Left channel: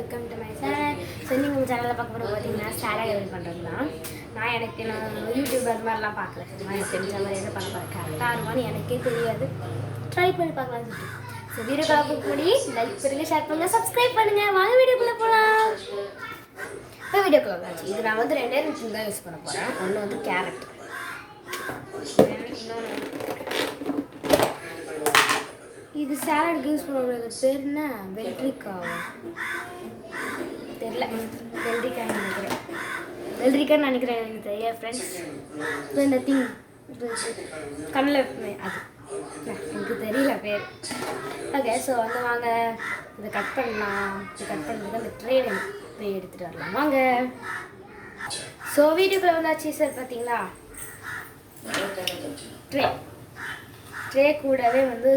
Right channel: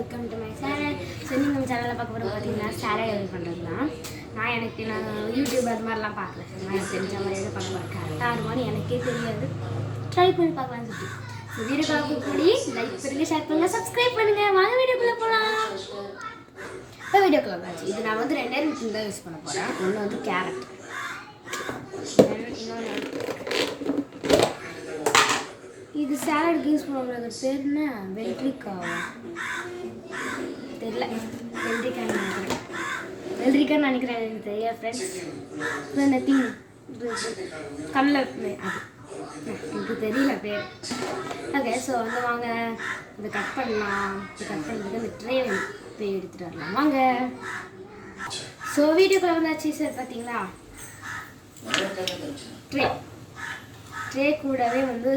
Welcome to my channel. So நீங்கள் உங்கள் சேனலில் பார்க்க போகிற பார்த்தீங்கன்னா சேலட் எப்படி பண்ணுறது தான். நான் யூடியூப் அது மாதிரிலாம் பார்க்குறேன். நான் எனக்கு தெரிஞ்ச மாதிரி எது பண்ண போகிறேன் கரெக்டாக இருக்குமான்னு எனக்கே தெரியாது. ட்ரை பண்ணி பார்க்கலாம்னு சொல்லி ஸோ வீடியோ பார்க்க கூடி லைக் பண்ணுங்க, ஷேர் பண்ணுங்கள், சப்ஸ்கிரைப் பண்ணுங்கள். வாங்க வீடியோக்குள்ளே போகலாம். இப்போ வீடியோக்குள்ளே வந்தாச்சு. இது நான் வந்து 2 விஷயம் தான் யூஸ் பண்ண போகிறேன். ஒன்று வந்து கேரட், இது சாலடுக்கு யூஸ் பண்ணுறது பேர் என்ன? வெள்ளரிக்காய் தெரியல, வெள்ளரிக்காய்னு நினைக்கிறேன். வெள்ளரிக்காய்னு நினைக்கிறேன், எனக்கு தெரியாது ஃப்ரெண்ட்ஸ். இந்த திங் கண்ணில் அது எனக்கு தெரியல பேர். ஓகே, ஸோ வந்து வாங்க இதை கட் பண்ணலாம். இது கட் பண்ணுறதுக்கு அந்த ட்ரே எடுத்துகிட்டு வரலாம் வாங்க. ஸோ வீடியோக்குள்ளே வந்தாச்சு சார். பார்த்தீங்களா ட்ரே கூடவே வந்து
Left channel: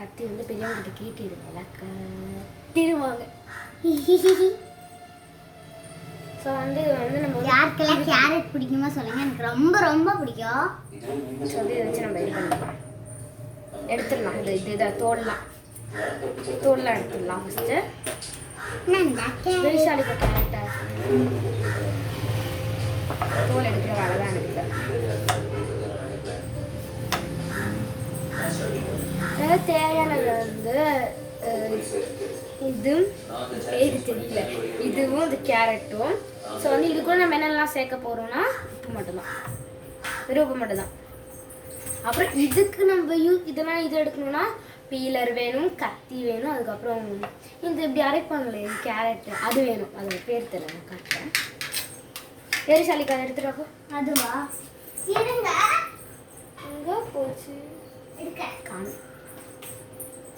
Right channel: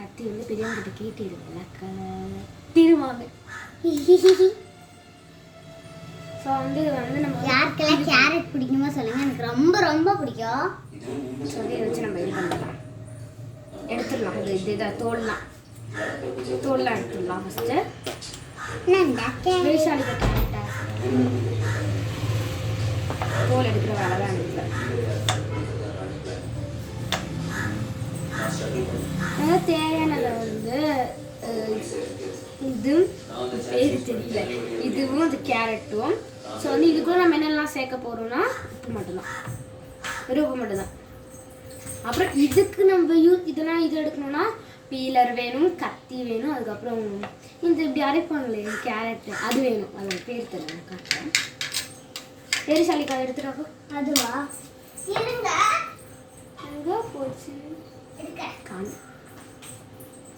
கத்தி வந்து பெரியவங்கிட்ட கேட்டிருக்கல கட்டிடுவாங்க. ஸோ வந்து நம்ம யாருக்கெல்லாம் கேரட் பிடிக்குமோ சொல்லுங்கள், எனக்கு ரொம்ப ரொம்ப பிடிக்கும். சொல்லி வச்சு நம்ம இது பண்ணலாம், எடுத்துடலாம். இதுதான் தோல்லாம் எடுத்துடலாம். ஃபஸ்ட்டு பெருசாலிக்க கேரட்டை தோல் எடுக்கிற வேலை தான் எனக்கு. தேவையானது வந்து இதுவும் இந்த கேரட்டும். ஸோ வந்து இது கூட நம்ம என்னெல்லாம் சேர்க்க போகிறோம்னா உப்பு மட்டும்தான், வெறும் உப்பு மட்டும்தான். அப்புறம் இதுக்கு நம்ம இதெல்லாம் இது எடுக்கணும்னா பீலர் வேணும், கத்தி வேணும், அதுக்கப்புறம் இந்த இப்படி அரைப்பாங்களே கேரட்டு அது வேணும். அதோட பேர் தெரியல காட்டுறேன். பெருசாலிக்காய் எடுத்துட்டாக்கோ. அதுவா இருங்க, அங்கே போச்சு காணும்.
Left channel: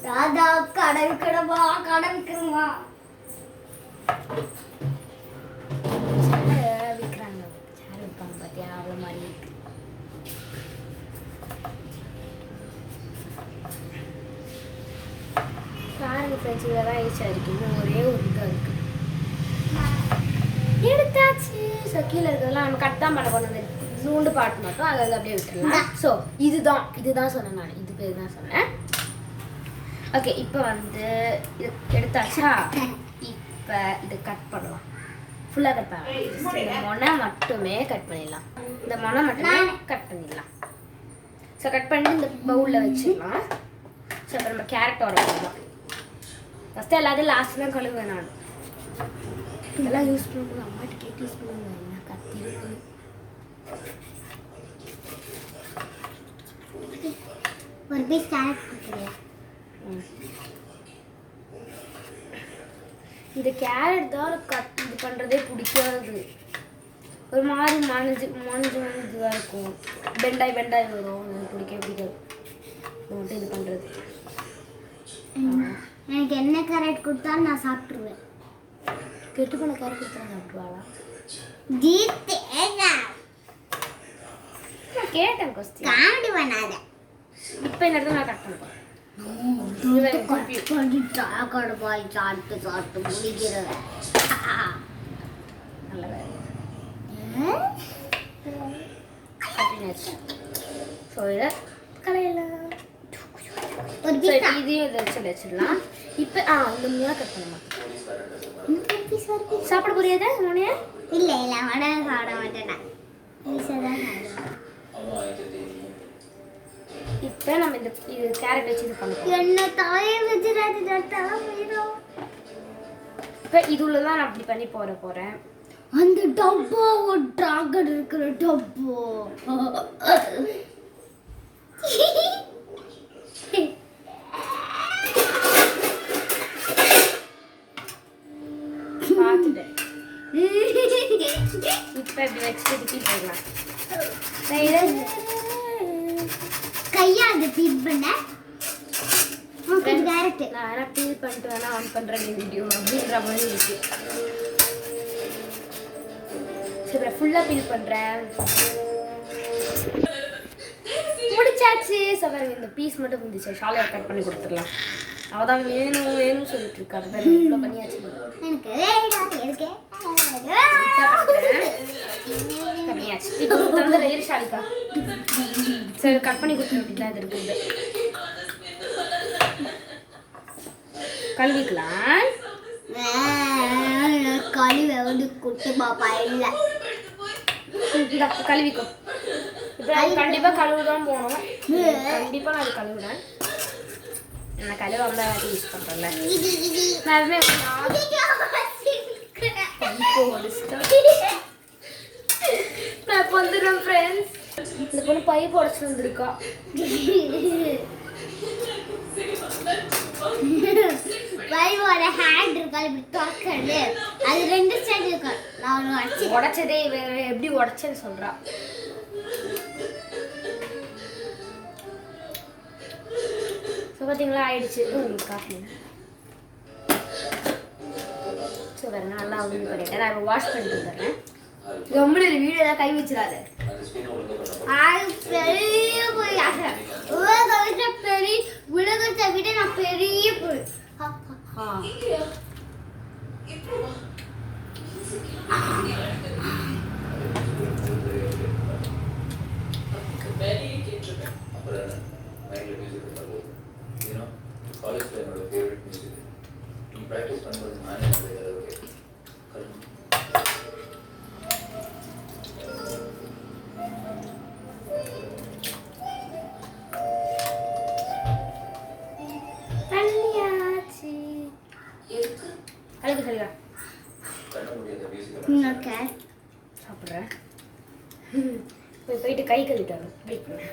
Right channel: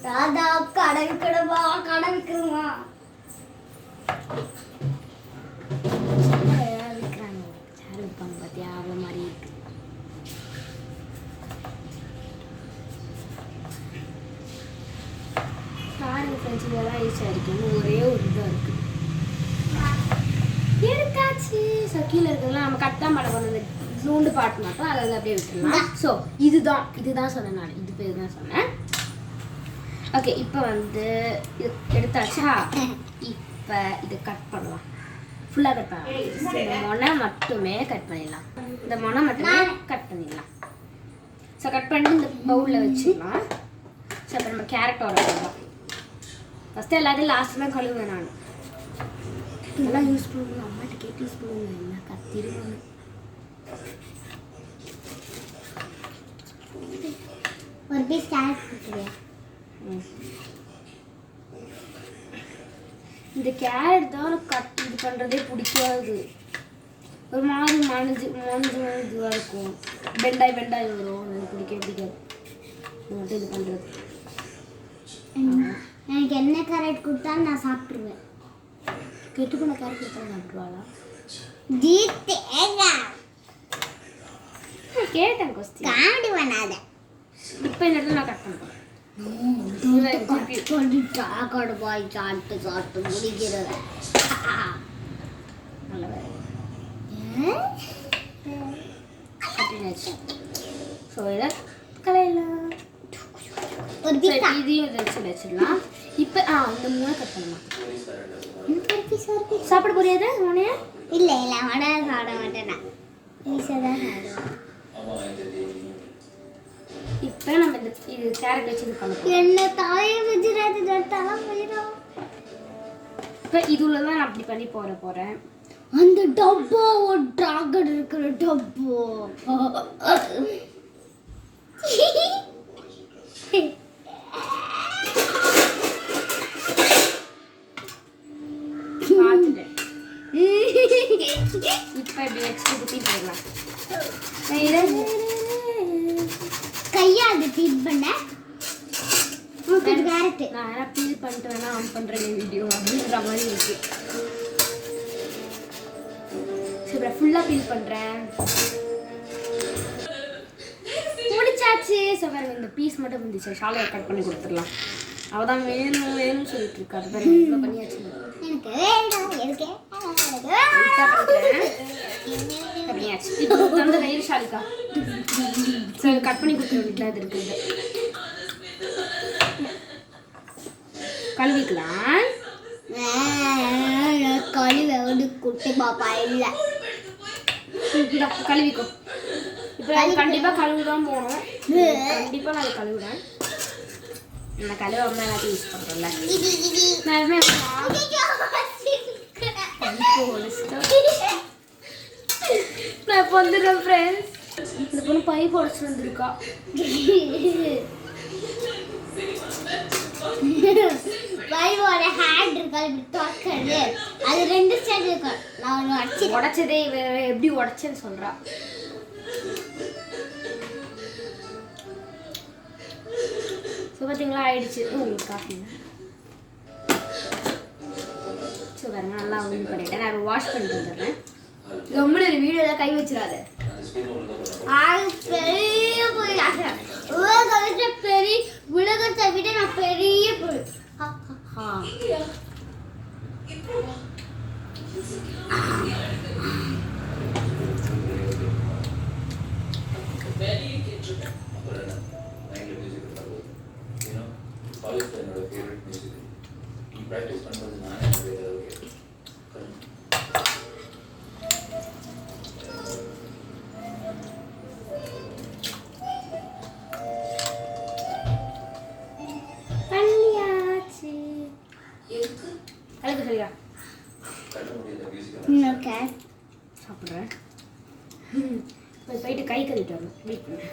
ராதா கடை விற்கணுமா, கடை விற்கணுமா விற்கிறாங்க. சேர் விற்பாங்க பார்த்தியா, அவ்வளோ மாதிரி இருக்கு. பாருங்க ஃப்ரெண்ட்ஸ், இதெல்லாம் ஈஸியாக இருக்கு. இன்னும் ஒரே ஒரு இதாக இருக்கு. எடுத்தாச்சு. ஸோ கீழே இருக்கிறதுலாம் நம்ம கட் தான் பண்ண போகிறது. நூண்டு பாட்டு மட்டும் அதை அப்படியே விட்டுருலாம். ஸோ இதுதான் சொன்னேன் நான், இது பேர் தான் சொன்னேன். ஓகே, இப்போ வந்து இது எடுத்தாச்சா. இப்போ இது கட் பண்ணலாம், ஃபுல்லாக கட் பண்ணலாம். இந்த மொனை மட்டுமே கட் பண்ணிடலாம். இந்த மொனை மட்டுமே கட் பண்ணிடலாம். ஸோ கட் பண்ணிட்டு இந்த பவுலில் வச்சுக்கலாம். ஸோ இப்போ நம்ம கேரட் வர போடலாம். ஃபஸ்ட்டு எல்லாத்தையும் லாஸ்ட் தான் கழுவுவேன் நான். இதெல்லாம் யூஸ் பண்ணுவோம், அம்மாட்ட கேட்டு யூஸ் பண்ணுவேன். என்ன கத்திடுவாங்க. ஒரு பீஸ் கேரட் கொடுக்குறேன். இந்த கேரட் தான் கட் இது பண்ணுறதே பிடிக்காது. ஒரு மாதிரி மனது இதுவாக இருக்கும், பெண்டாய் வரும். எனக்கு பிடிக்காது இது மட்டும் இது பண்ணுறது. எனக்கு என்ன கேரட் கொடுத்தாலும் நான் சாப்பிட்ருவேன். கெட்டு போன கேரட் கொடுத்தா சாப்பிட்ருவாளா? நான் கேட்டேன் கொஸ்டின். காமெடி பண்ணாத. இப்போ இந்த இடத்துல நான் கட் பண்ணுவேன். சாப்பிட்டு முடிக்கிறத ஸோ இதை கலையலாம். இதையும் இதை வச்சிடலாம். இப்போ இந்த மூணு கட் பண்ணலாம். சாப்பிட புரியாத மூணையா? இல்லை சாப்பிட மாட்டேன். இப்போ நம்ம இது கேரட் வச்சு இது பண்ணலாம். என்ன தாயை வச்சுட்டு தலை போயிடும். இப்போ இதுல தான் நான் அப்படி பண்ணி போகிறேன். அந்த டப்பா ஒரு டிராகன் இருக்கிற டப்போ பார்த்துட்டேன். இப்போ நெக்ஸ்ட் ஊற்றி போடலாம். கையால் பீட் பண்ண கேரட் நான் வேணா பீல் பண்ணிட்டு வேணா ஆன் பண்ணுறேன் வீடியோ அப்படின்ற மாதிரி இருக்கு. சரி, ஃபுல்லாக பீல் பண்ணுறேன். முடிச்சாச்சு. சரி, இந்த பீஸ் மட்டும் இருந்துச்சு, ஷாலை கட் பண்ணி கொடுத்துடலாம். அவள் தான் வேணும்னு சொல்லிட்டு இருக்கா. அதுதான் இப்போ பண்ணியாச்சு. பண்ணியாச்சு. இப்போ வந்து வெயில் ஷாலிக்கா சரி கட் பண்ணி கொடுத்துருக்கீங்களா? இது இருக்குது கழுவிக்கலாம். இது குட்டி பாப்பா இல்ல. இந்தா, கழுவிக்கோ. இப்போ கண்டிப்பா கழுவுதான் போகணும். கண்டிப்பா நான் கழுவுறேன். நான் கழுவாம யூஸ் பண்றேன்ல. நான் எதுவுமே நான் இப்போ வந்துடுறேன் ஃப்ரெண்ட்ஸ். இந்த பொண்ணு பைப் உடச்சு வந்துருக்கா. பைவோட ஹேண்ட் இருக்கா இப்படி திறக்கிறது, அது 2 ஸ்டெப் இருக்கு. நான் ஒரு அடிச்சு உடைச்சதே எப்படி உடைச்சேன்னு சொல்றா. ஸோ பார்த்தீங்களா ஆயிடுச்சு. உங்களுக்கு காஃபி ஸோ பாருங்க நல்லா வந்து பண்ணிட்டேன். நான் இப்போ வாஷ் பண்ணிட்டு வந்துடுறேன். ரொம்ப வீடியோவில் கை வச்சிடாது. பெரிய பொய் பெரிய உலகத்தை விட நான் பெரிய பொய். அதுக்கு சரியா சாப்பிட்றேன். போயிட்டு கை கழுவிட்டாங்க. வெயிட் பண்ணு.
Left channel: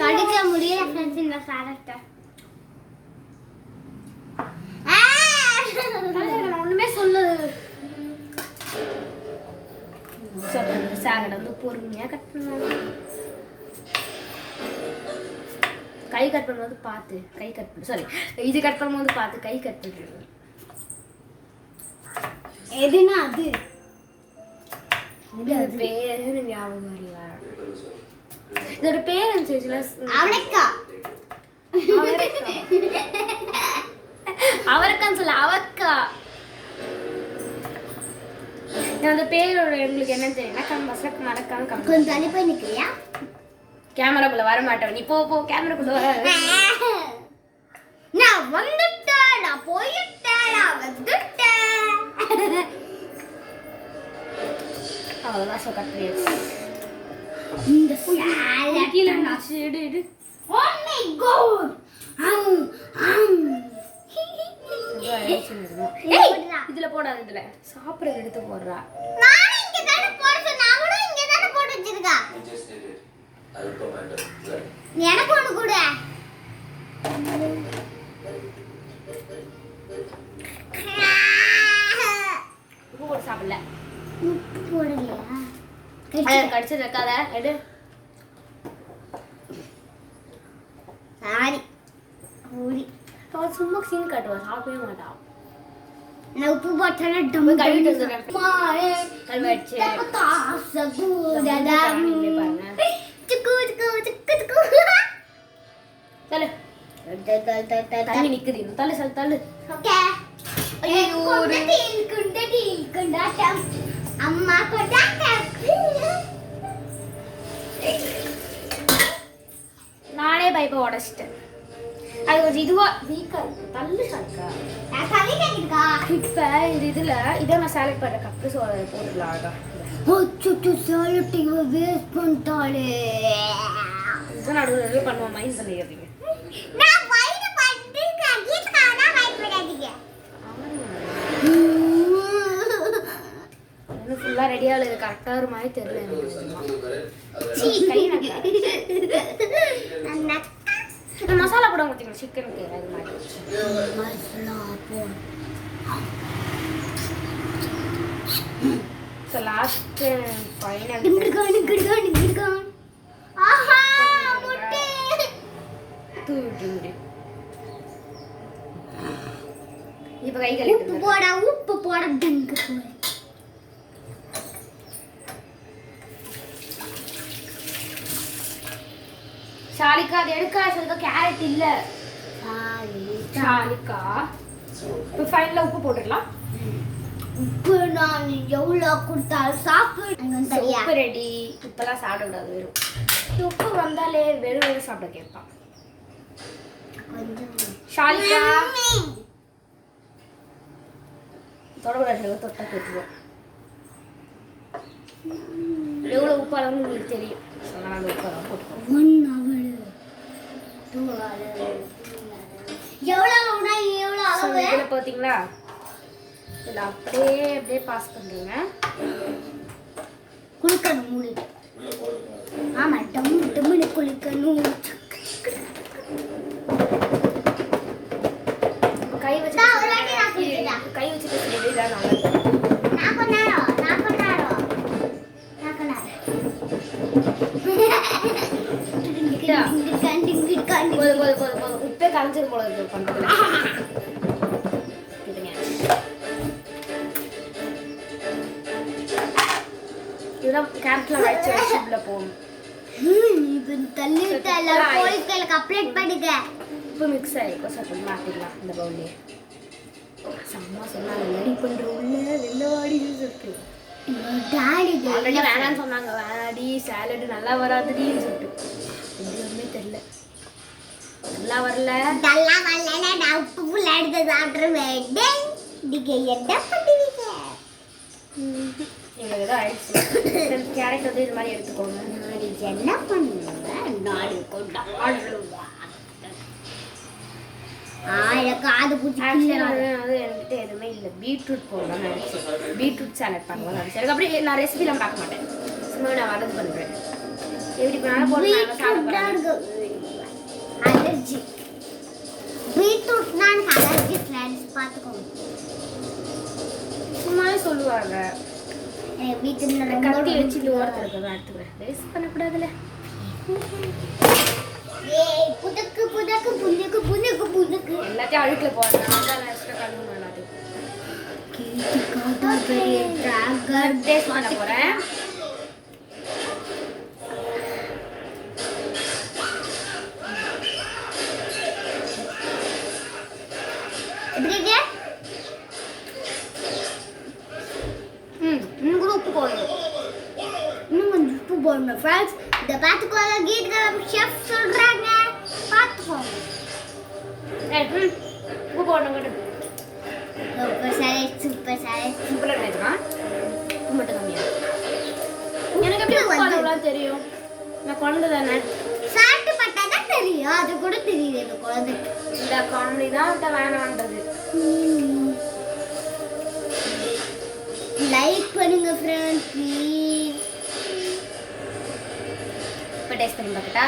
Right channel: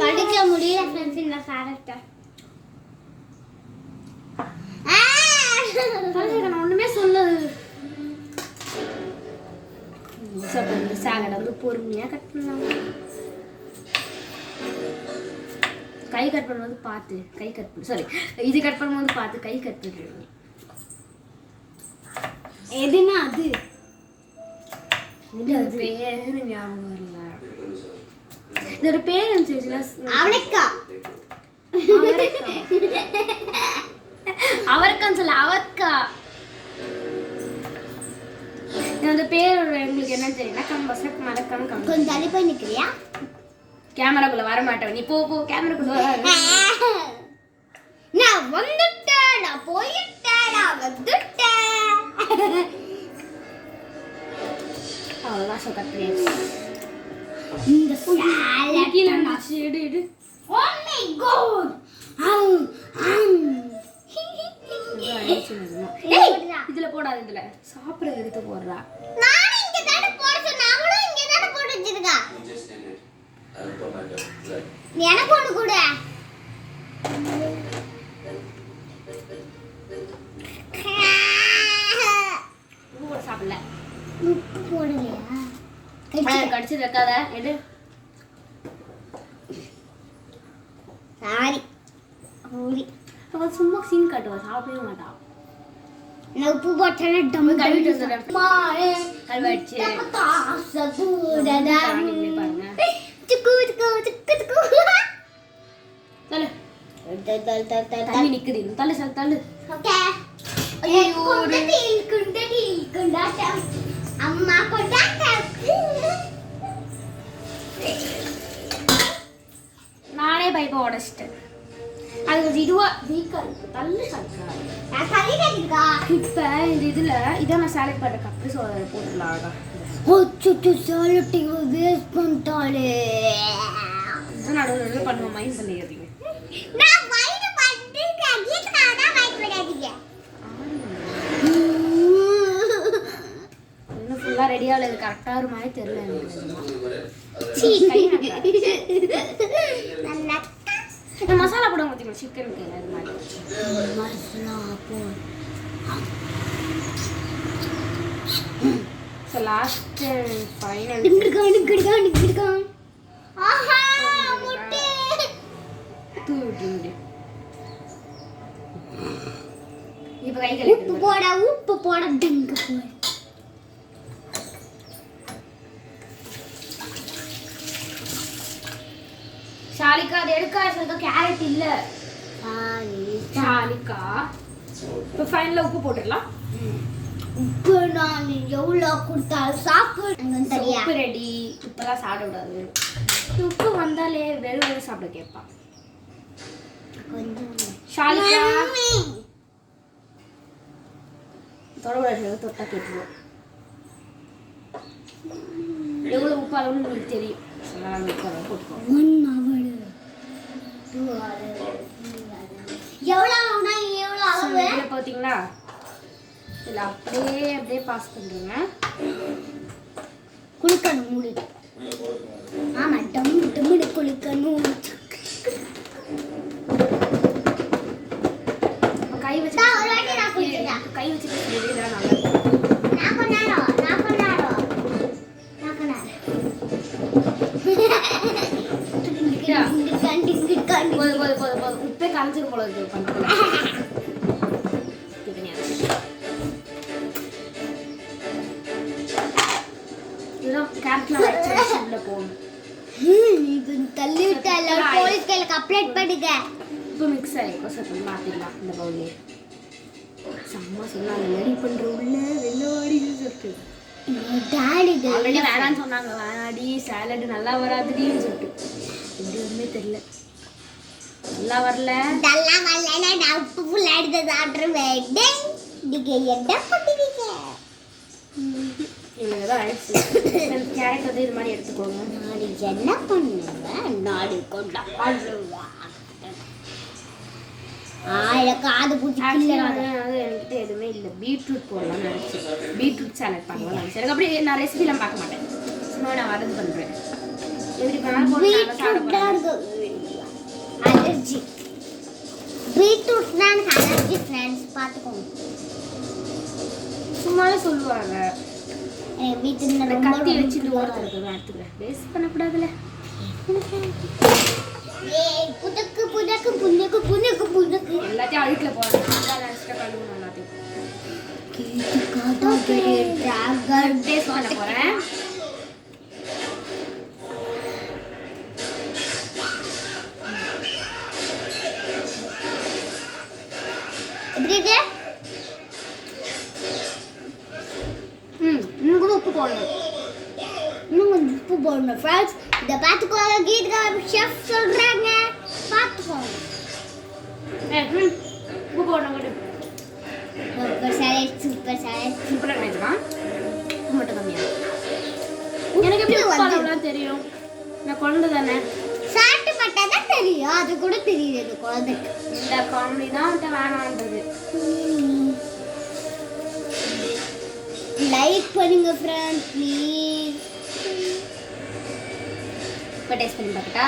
கடிக்க முடியல ஃப்ரெண்ட்ஸ் இந்த சாரத்தை. நான் ஒன்றுமே சொல்லு. சாலட் வந்து பொறுமையாக கட் பண்ணாங்க. கை கட் பண்ணும்போது பார்த்து கை கட் பண்ணு. சாரி, இது கட் பண்ணும்போது பார்த்து கை கட் பண்ணு. எதுனா அது இது பேரு ஞாபகம் இல்லை. இதோட பேர் இருந்துச்சுல அவரைக்காய். அவரைக்கான்னு சொல்ல அவரைக்காய். அந்த பேரோட உங்களுக்கு என்ன தெரியும்? மறக்காம கொஞ்சம் தள்ளி போய் நிற்கிறியா? கேமராக்குள்ள வர மாட்டேன். நீ போ கேமராக்குள்ள வர. நான் வந்துட்டேன், நான் போயிட்டேன், நான் வந்துட்டேன். அவ்வளோதான். ஸோ கட் பண்ணியாச்சு. இந்த சாலட் எடு. Oh my god. இதுல போடாது. இதுல சாப்பிட எடுத்து போடுறா. நான் இங்க தான போட சொன்னா, அவளும் இங்க தான போட்டு வச்சிருக்கா. எனக்கு ஒண்ணு கூட. உப்பு போட்டு சாப்பிடல. உப்பு போடலையா? கடிச்சு வைக்காத. எடு. சாரி. ஓடி. சும்மா சீன் காட்டுவா. சாப்பிடவே மாட்டா. நான் உப்பு போட்டேன்னா டம்மு கழுவிட்டு வந்துடுறேன். மாறே கழுவாயிடுச்சு. சபூடதம். துக்கு துக்கு துக்கு துக்கு. தள்ளு. தள்ளு. தண்ணி நிக்குது. தள்ளு சார் தள்ளு. ஓகே. ஐயோ குண்டாட்டம். அம்மா கொண்டாட்டம். நானே பைப்பை உடச்சிட்டேன். அது கொஞ்சம் இதுவா வீக்கா இருக்கு. தள்ளு சக்கா. நான் தள்ளிட்டேன்க்கா. இப்போ இந்த இதில் இதை நான் செலக்ட் பண்ண கப்பு சோளை போட்டுடலாம். ஓச்சுட்டு சாலட்டிங்க வேஸ்ட் பண்ணிட்டாளே. இது நடுவில் பண்ணுவோம். மைண்ட் பண்ணிடுறீங்க. நான் வைட் பண்ணிட்டு கீதா தான் வைட் பண்ணாதீங்க. இன்னும் ஃபுல்லாக ரெடியாக இல்லை. கரெக்டாக ஒரு மாதிரி தெரியல. மசாலா போட மாட்டீங்க சிக்கனுக்கு. அது மாதிரி மசாலா போடு. ஸோ லாஸ்ட் ஃபைனல் டிங்குடுகான். ஆஹா முட்டை. தூவிட்டு இப்போ கை உப்பு போட டங்கு போடு. ஷாலிகா அது எடுக்கா. சொல்லுங்க கேரட் இல்லை. ஷாலிகா இப்போ ஃபைனலாக உப்பு போட்டுக்கலாம். உப்பு நான் எவ்வளோ கொடுத்தாலும் சாப்பிடு. உப்பு ரெடி. இப்போதான் சாப்பிட கூடாது. உப்பு வந்தாலே வெறும் சாப்பிட கேட்பான். கொஞ்சம் ஷாலிகா தொடக்கூடாது, தொட்டா கேட்டுருவோம். எவ்வளோ உப்பு அளவுன்னு உங்களுக்கு தெரியும். அதனால அந்த உப்பு அளவு போட்டுக்கோங்க. 1 hour 2 hour எவ்வளோ அளவு இதில் பார்த்தீங்களா, இதில் அப்படியே பாஸ் பண்ணுறீங்க. குளிக்கணும் மூடிட்டு. ஆமா டம்முன்னு குளிக்கணும். கை வச்சு ஒரு வாட்டி நான் குளிக்கிறேன். கை வச்சுட்டு இதான் நல்லா இருக்கும். நான் பண்ணாரோ போதும். உப்பே கரைஞ்சிரும் போல இருக்கு பண்ணுறது. இதெல்லாம் கேரட்லாம் வச்சு உள்ள போகணும். இப்போ தள்ளி விட்டா எல்லாரும் போலீஸ் கையில கம்ப்ளைண்ட் பண்ணுங்க. உப்பு மிக்ஸ் ஆகிருக்கும். சார் கொஞ்சம் மாற்றிக்கலாம் இந்த பவுலே. அம்மா சொன்னாங்க ரெடி பண்ணுற உள்ள வெள்ளவாடி இருக்கு. டாடி ஆல்ரெடி வேணான்னு சொன்னாங்க. வேணாடி சாலடு நல்லா வராதுன்னு சொல்லிட்டு எதுவுமே தெரியல. நல்லா வரல. நான் உப்பு புள்ள எடுத்து சாப்பிடுவேன். நீங்க என்ன பண்ணுவீங்க? இவங்க ஏதோ ஆயிடுச்சு. கேரட் வந்து இது மாதிரி எடுத்துக்கோங்க. நாளைக்கு என்ன பண்ணுவேன்? நாளைக்கு கொண்டாடுவேன். காது பூச்சி அது என்கிட்ட எதுவுமே இல்லை. பீட்ரூட் போடலாம்னு நினச்சேன். பீட்ரூட் சாலட் பண்ணுவோம்னு நினச்சேன். எனக்கு அப்படியே நான் ரெசிபிலாம் பார்க்க மாட்டேன். சும்மா நான் வரது பண்ணுறேன். எப்படி அலர்ஜி. பீட்ரூட்னா எனக்கு அலர்ஜி ஃப்ரெண்ட்ஸ், பார்த்துக்கோங்க. சும்மாவே சொல்லுவாங்க. வீட்டில் கத்தி வச்சுட்டு ஓரத்தில் இருக்கிறதா எடுத்துக்கிறேன். வேஸ்ட் பண்ணக்கூடாதுல்ல. புதக்கு புதக்கு புதக்கு புதக்கு புதக்கு எல்லாத்தையும் அழுக்கில் போடணும். எல்லாத்தையும் பண்ண போகிறேன். எப்படி இருக்கு? இன்னும் கூட உப்பு போடணும். இன்னும் கொஞ்சம் உப்பு போடணும் ஃப்ரெண்ட்ஸ். இதை பார்த்துக்கோங்க. கீதா ஷெஃப் சொல்கிறாங்க, பார்த்துக்கோங்க. உப்பு போடணும். Super salad super salad. சிம்பிளாக நினைக்கலாம். உப்பு மட்டும் கம்மியாக. எனக்கு எப்படி வந்து தெரியும்? நான் குழந்தை தானே. சாப்பிட்டு பார்த்தா தான் தெரியும். அது கூட தெரியுது இந்த குழந்தைக்கு. இந்த காமெடி தான் விட்ட வேணான்றது. லைக் பண்ணுங்க ஃப்ரெண்ட்ஸ் ப்ளீஸ். இப்போ டேஸ்ட் பண்ணி பார்க்கட்டா?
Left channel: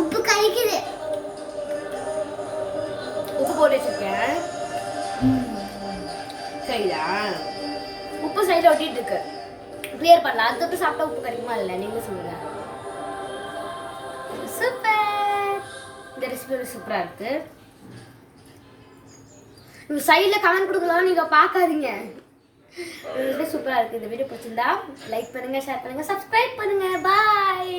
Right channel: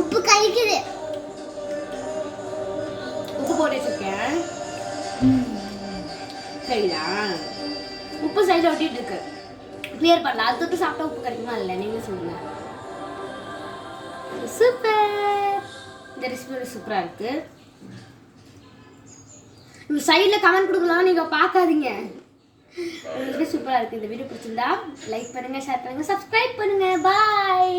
உப்பு கறிக்குது. உப்பு போட்டு வச்சுருக்கேன். சரியா? உப்பு சைடில் ஒட்டிட்டு இருக்கு. கிளியர் பண்ணலாம். அது தொட்டு சாப்பிட்டா உப்பு கிடைக்குமா இல்லை? நீங்களே சொல்லுங்க. சூப்பர். இந்த ரெசிபி சூப்பராக இருக்கு. நீங்கள் சைடில் கமெண்ட் கொடுக்கலாம். நீங்கள் பார்க்காதீங்க. சூப்பராக இருக்குது. இந்த வீடியோ பிடிச்சிருந்தா லைக் பண்ணுங்கள், ஷேர் பண்ணுங்கள், சப்ஸ்கிரைப் பண்ணுங்கள். பாய்.